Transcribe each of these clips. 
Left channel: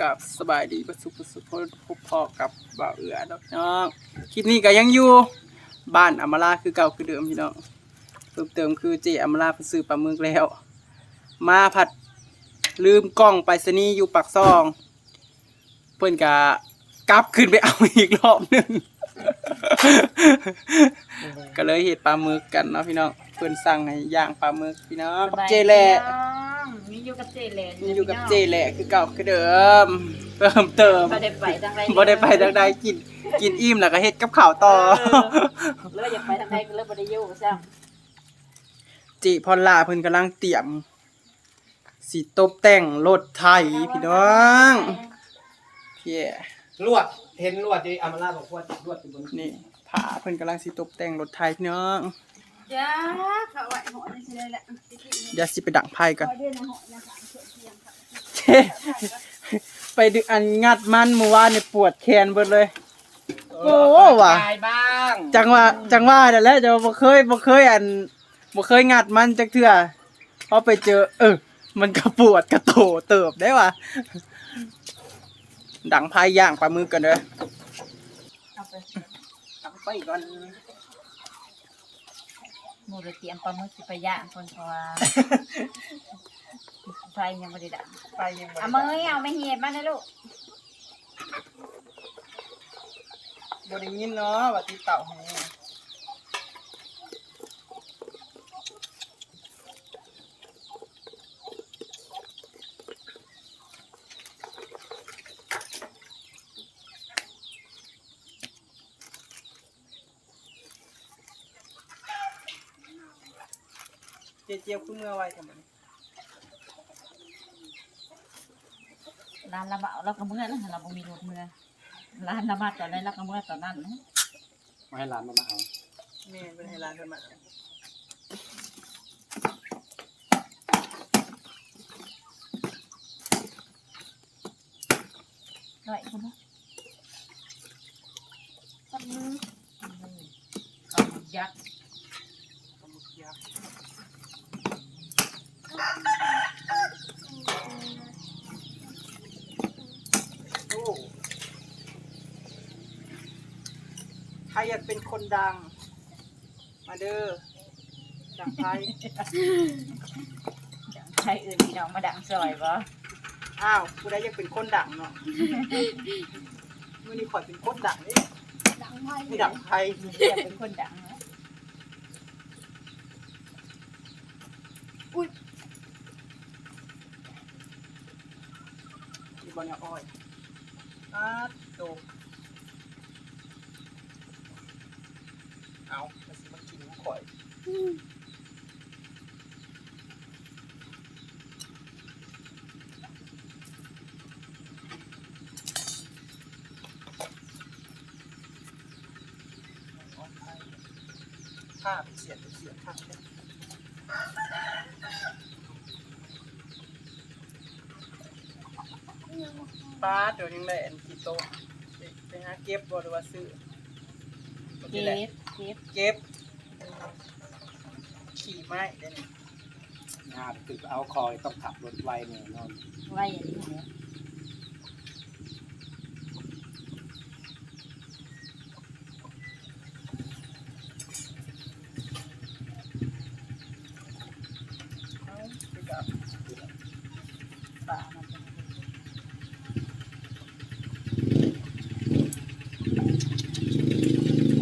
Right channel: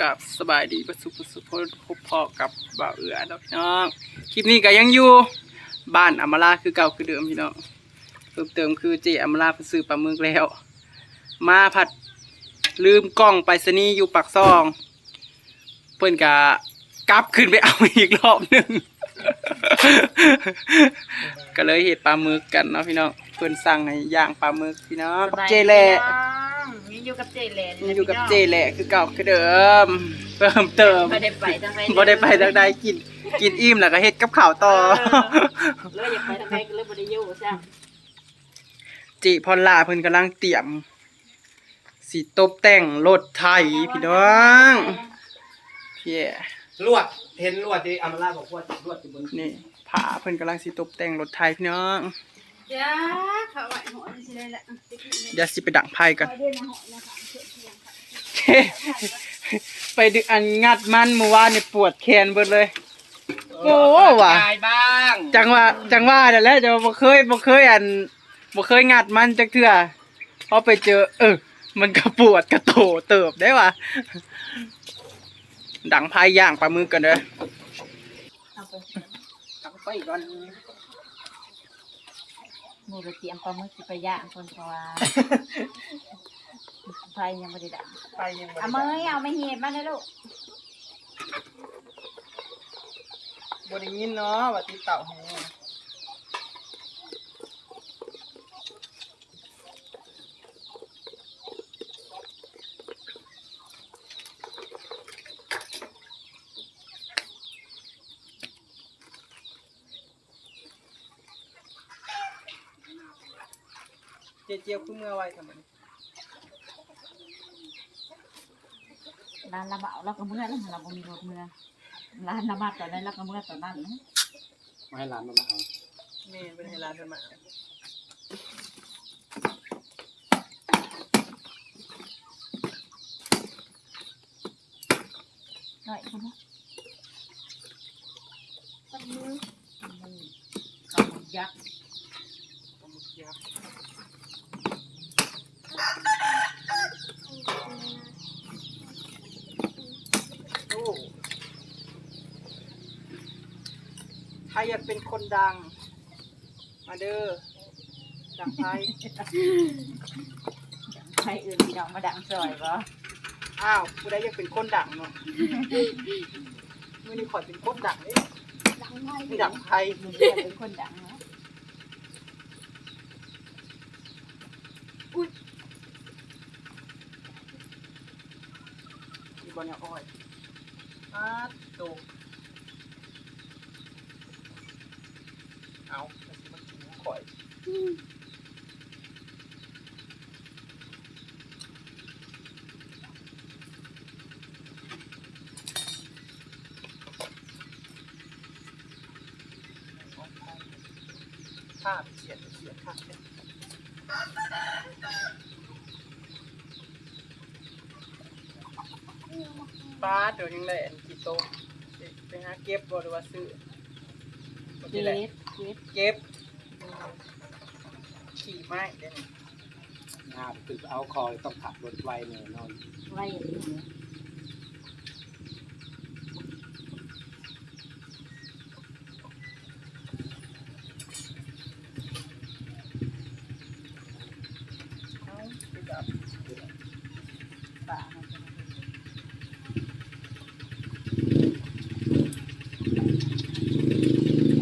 กับสบายดีประสุประสุพพบพอกับบ่าวเอือดอกน้องคลิปนี้ก็ยังอยู่บ้านอมราคือเก่าคือเดิมพี่น้องเพิ่มเติมคือเจอมราเพิ่นซื้อปลาหมึกแล้ว มาผัดลืมกล้องไปสนีอยู่ปากซอง เพิ่นกะกลับขึ้นไปเอาอีกรอบหนึ่ง ก็เลยเห็ดปลาหมึกกันเนาะพี่น้องเพิ่นสั่งให้ย่างปลาหมึกพี่น้องสบายดีเจแหละยังอยู่กับเจแหล่ยังอยู่กับเจแหละคือเก่าคือเดิมเพิ่มเติมบ่ได้ไปทางใดบ่ได้ไปทางใดกิน กินอิ่มแล้วก็เฮ็ดกับข้าวต่อเลยอยากไปทางใดก็เลยบ่ได้อยู่ซะจิพรลาเพิ่นกำลังเตรียมสิตบแต่งรถไถพี่น้องพี่แย่ลวด เห็นลวดที่อามาลาบอกว่าลวดอยู่บนนี่ผาเพิ่นกำลังสิตบแต่งรถไถพี่น้องจ้าเขาไว้หมดสิได้ละเดี๋ยวสิไปดังไพ่กันไปดึกอันงัดมันเมื่อวานนี่ปวดแขนเบิดเลย โอ้ว่ะตายบ้างจังว่าจังว่านั่นแหละจะบ่เคยบ่เคยอันบ่เคยงัดมันจักเทื่อพอไปเจอ เออ มันก็ปวดกระโตเติบได้ว่ะ ดังพายย่างปลาหมึกกันเด้อเอาไปดังไฟก่อนหมูเตรียมปลาหมึกสิไปย่างคนเพราะว่าไฟยังบ่ได้ดับไฟยังบ่เอาได้มือเอาไม่เหียดมาเลยลูกบ่ได้ยินเนาะว่าติดเต่าให้ เจียวคือเมื่อไว้ทำไมร้านละบ่เอาเราก็เมื่อแล้วเราบ่มีรถเมื่อร้านละมาตอนนั้นเราก็เมื่อตอนนั้นนะมาให้หลานมามาเอาแม่เป็นให้ร้านเพิ่นมาเอาหน่อยคุณปลาหมึกปลาหมึกปลาหมึกยักษ์ปลาหมึกยักษ์โอ้ ใครอยากเป็นคนดัง มาเด้อดังไทยใครอื่นพี่น้องมาดังซอยบ่อ้าวผู้ใดอยากเป็นคนดังเนาะมื่อนี้ขอยเป็นคนดังนี่ไม่ดังไทยมีเพื่อนเป็นคนดังนะ มี บอลเนี่ยอ้อยอาโตเอาไปสิมากินของข่อยผ้าเป็นเสียดเป็นเสียดข้างเนี่ย ป้าเดี๋ยวยังได้อันกี่โตะไปไปหาเก็บบ่หรือว่าซื้อบ่เก็นี่แหละบเก็บเก็บ ขี่ไม้เดี๋ยวนี้งานคือเอาคอยต้องขับรถไวแน่นอนไว้อย่างนี้นะเอาไปจับ ป่ามันเป็น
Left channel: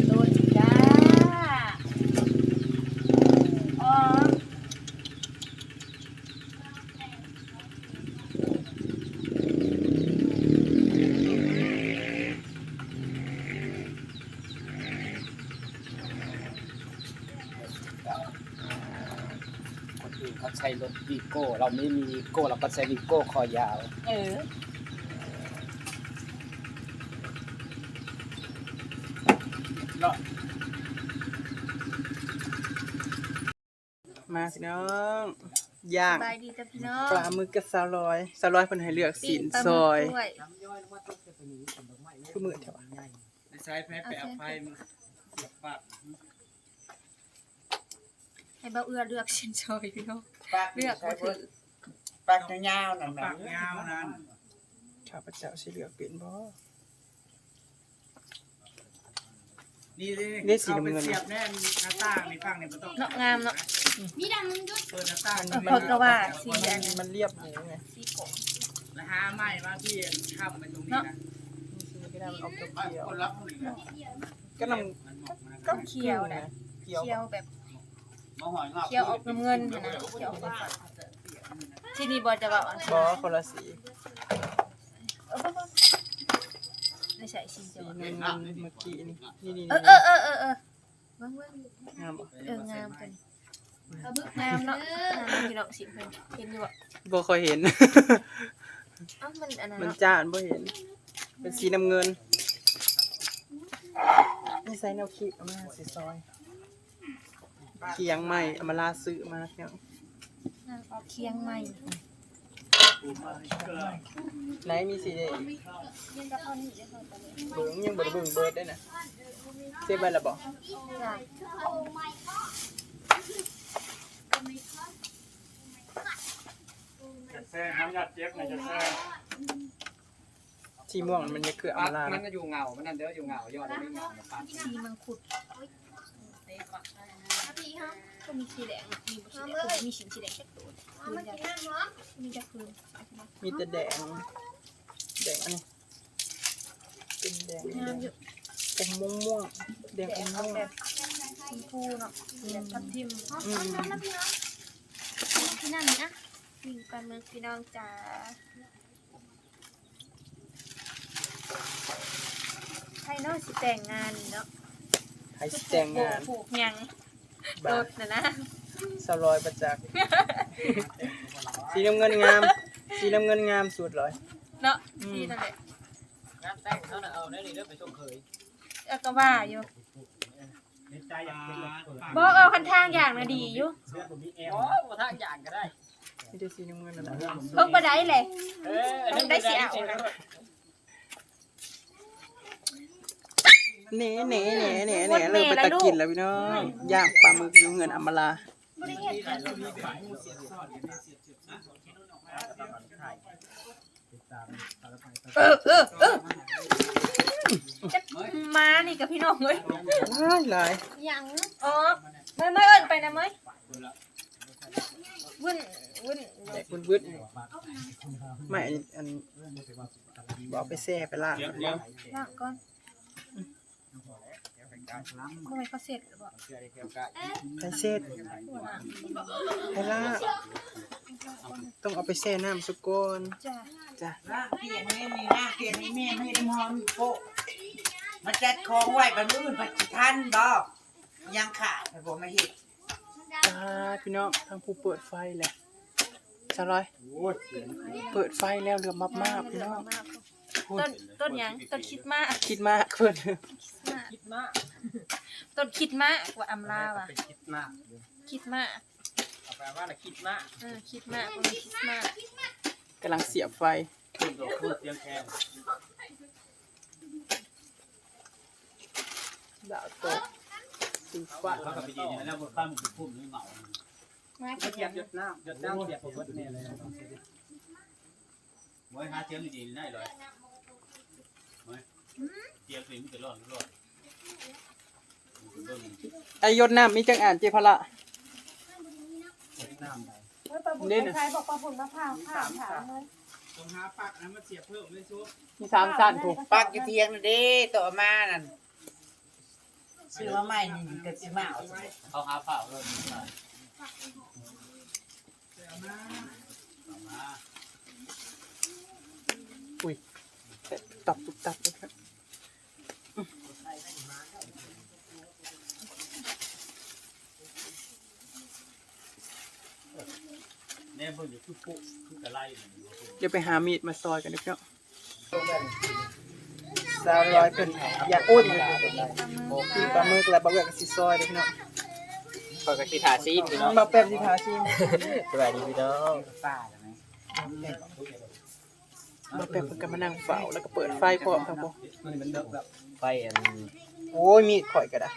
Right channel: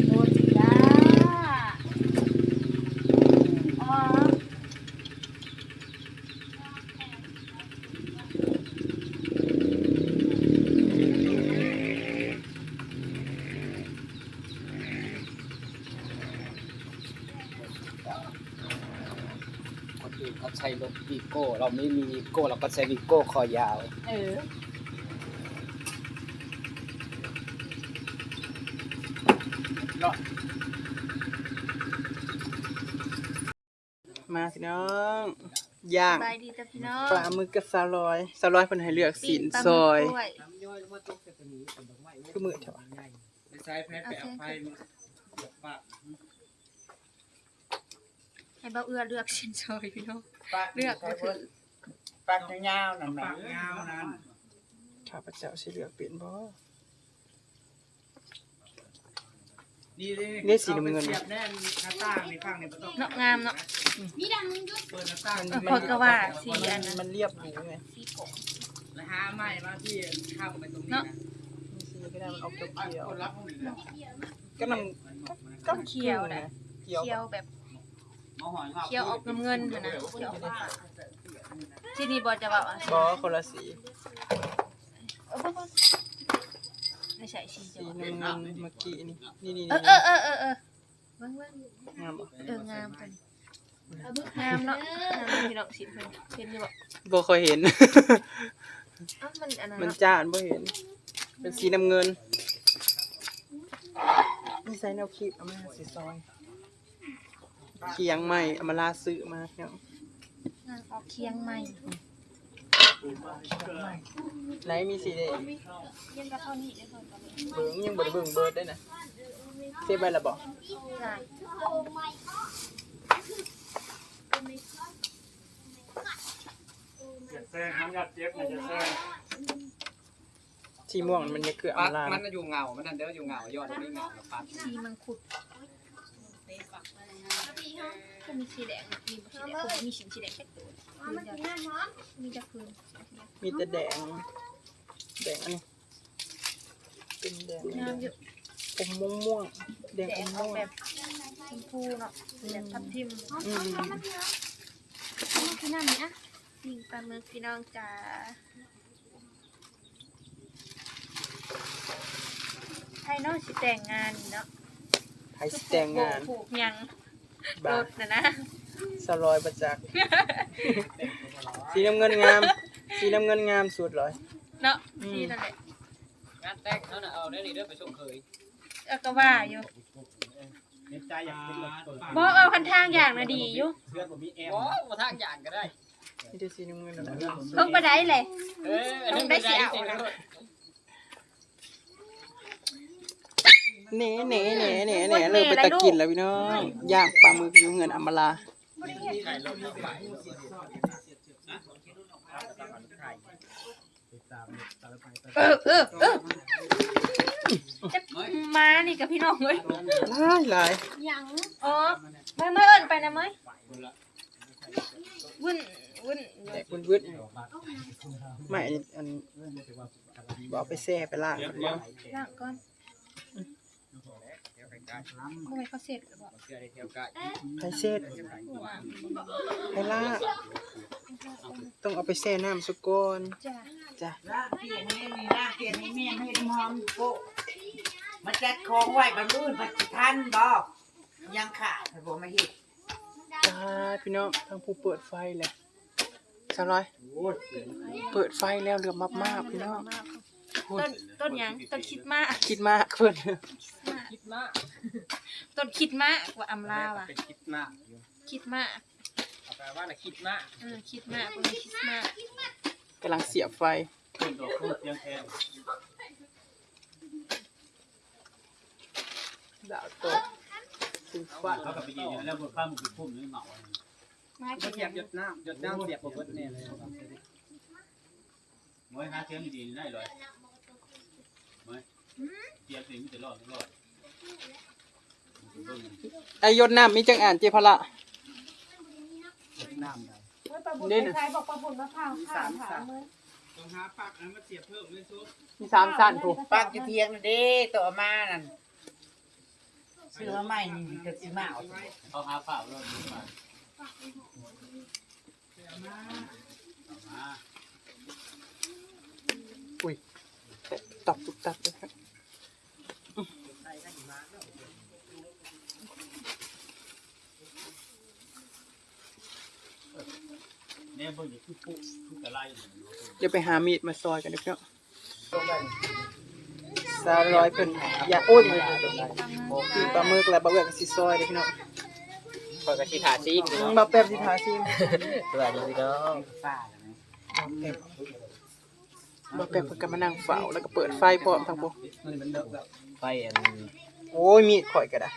โดนจ้าอ๋อ คนอื่นเขาใช้รถวีโก้ เราไม่มีวีโก้เราก็ใช้วีโก้คอยาว เออเลาะมาพี่น้องย่างบายดีจ้ะพี่น้องปลาหมึกกับสาลอยสาลอยเพิ่นให้เลือกสินปลาหซมึอกยด้วยคือมือเถอะวะใช้แพ้ไปเอาไฟมา ให้เบาเอื้อเลือกสินซอยพี่น้อง เลือกมาถือปากยาวๆนั่นนะยาวนั่นขข้าพเจ้าสิเลือกเป็นบ่ นี่เลือกสีน้ำเงินเสียบแน่มีหน้าต่างในฝั่งเนี่ยบ่ต้องเนาะงามเนาะเปิดหน้าต่างเออพอก็ว่าสีอันนั้นมันเรียบหรูไงสีกงนะฮะไม่มาพี่เข้าไปตรงนี้เนาะนะนี่สีก็ได้มันออกเขียวคนรับคนรับๆก็นำก็เขียวนะเขียวเขียวแบบมาหอยงอก เขียวออกน้ำเงินหั่นนะเขียวออกฟ้าๆที่นี่บอจะบอกอะบ่คนละสีเออบ่บ่ไม่ใช่สีสีจะบอกน้ำเงินเมื่อกี้นี่นี่นี่เออเออเออเออเออเบิ่งเบิ่งงามบ่เอองามกันงามเนาะงามพี่น้องสิเพิ่นเห็นอยู่บ่บ่ค่อยเห็นเอ้ามันอันนั้นมันเนาะจ้านบ่เห็น เป็นสีน้ำเงินนี่ใส่แนวคีบเอามาสีซอย เคียงใหม่เอามาลาซื้อมาเนาะนางออกเคียงใหม่ไหนมีสีแดงยังกับเท่านี้ได้เท่ากันเลยเบิ่งยังบ่ได้เบิ่งเบิดได้นะเซฟไว้และบ่จ้ะจะแซงน้ำยาเจี๊ยบเนี่ยจะแซงสีม่วงมันจะคือเอามาลามันนะก็อยู่เงา มันนั่นเด้ออยู่เงายอดไม่เงาปาดสีมังคุด ก็มีสีแดงอะมีสีแดงก็มีสีสีแดงแค่ตัวคืนจะมีจะคืนมีแต่แดง แดงอันนี้เป็นแดงงามอยู่อมม่วงม่วงแดงแดออกแบบชมพูเนาะแบบทับทิมอืมพี่นั่นนี่นะมีปลาหมึกพี่น้องจ๋าไทยเนาะสิแต่งงานเนาะ ไผสิแต่งงานผูกหยังรบาถนะนะสลอยประจักษ์สีน้ำเงินงาม สีน้ำเงินงามสุดเลย เนาะอืมที่นั่นแหละงานแต่งเขาน่ะเอาได้นี่เด้อไปส่งเคยเออก็ว่าอยู่ในใจอยากเป็นรถเปิดบอกเอาคันทางอย่างนะดีอยู่เสื้อบ่มีแอมโอ้บ่ทางจานก็ได้มีแต่สีน้ำเงินนั่นแหละเพิ่งไปได้เลย เออต้องได้สิเอานะ เน่เน่เน่เน่เน่เริ่มไปตะกินแล้วพี่น้องย่างปลาหมึกอยู่เงินอำมาลาเออเออเออจะมานี่กับพี่น้องเลยหลายหลายยังอ๋อเมื่อเมื่อเอินไปนะเมื่อวุ่นวุ่นแดกวืดๆไม่อันนี้อันนี้บอกไปแช่ไปล่างก่อนเนาะล่างก่อน ทำไมเขาเสร็จหรือเปล่าเสื้อได้เที่ยวกะไปเช็ดไปล่าต้องเอาไปแช่น้ำสกอนจ้าจ้ะเปลี่ยนให้นี่นะเปลี่ยนให้แม่ไม่ให้น้ำหอมโปะมาจัดของไว้กันมื้อปัจจุบันบ่ยังขาดแต่บ่มาเฮ็ดจ้าพี่น้องทางผู้เปิดไฟแหละสาวร้อยเปิดไฟแล้วเหลือมมากๆพี่น้องต้นต้นหยังต้นคิดมากคิดมากเพิ่อน คิดมากต้นคิดมากกว่าอำลาว่ะไปคิดมากอยู่คิดมากเอาแปลว่าน่ะคิดมากเออคิดมากกว่าคิดมากกำลังเสียบไฟคุณดอกพูดเสียงแคนดาวตกสีฟ้าเขาก็ไปยืนอย่างนั้นแล้วบนฟ้ามันคือพุ่มหรือเหมามาเสีกินหยยับงหยดน้ำหยดน้ำเสียบบ่เบิดแน่เลยเมื่อหาเทียมดีๆได้เลยเมื่อเทียมสิ่งมันจะรอดรอด ไอยศน้ำมีจังอ่านเจพละน้ำได้เมื่อปลาบุญเด่นน่ะคล้ายๆบอกปลาบุญมะพร้าวผ่าผ่าเมื่อต้องหาปักนั้นมาเสียบเพิ่มเลยซุปมีสามสั้นถูกปักอยู่เทียงนั่นเด้ตัวมานั่นซื้อมาใหม่นี่ก็สิมาเอาสิเขาหาเปล่าแล้วมีมาเอามาอุ้ยตอบตุกตับเลยครับ เนี่ยเบิ่งจะทุกปุ๊ทุกอะไรเดี๋ยวไปหามีดมาซอยกันเด้อพี่น้องสาวร้อยเพิ่นอยากโอ้ยปีปลาหมึกแล้วบ่เอื้อก็สิซอยเด้อพี่น้องเปิดกระสิทาซีพี่น้องมาแป๊บสิทาซิมสวัสดีพี่น้องป้าแล้วไหมมาแป๊บเพิ่นก็มานั่งเฝ้าแล้วก็เปิดไฟพร้อมทั้งพวกมันเป็นเลิกแล้วไฟอันโอ้ยมีดข่อยก็ได้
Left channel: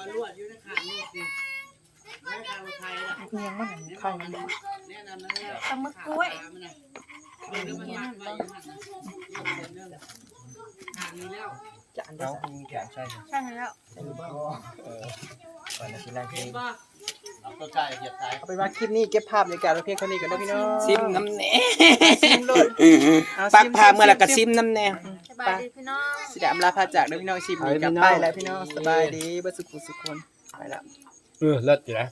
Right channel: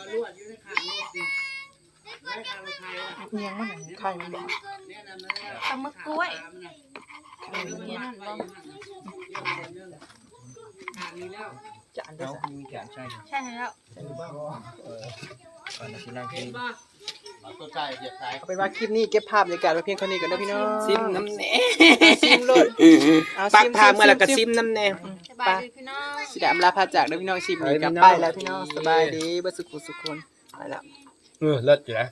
เอาลวดอยู่ในข้างนี่สิเอียงมันไข่มันบ่ปลาหมึกกล้วยเนี่ยนั่นบ่จะอันเดียวใช่แล้วก่อนนะที่แรกที่เอาตัวใจเหยียบใจเอาเป็นว่าคลิปนี้เก็บภาพบรรยากาศไว้เพียงเท่านี้ก่อนนะพี่น้องซิมน้ำแน่ซิมโลดเอาปักซิมพาเมื่อแล้วก็ซิมน้ำแน่ บายดีพี่น้องสิได้อำลาพาจากเด้อพี่น้องชิมไปนี้กลับพี่น้ไปองแล้วพี่น้องสบายดีบ่สุขสุขคนไปแล้วเออเลิศอยู่นะ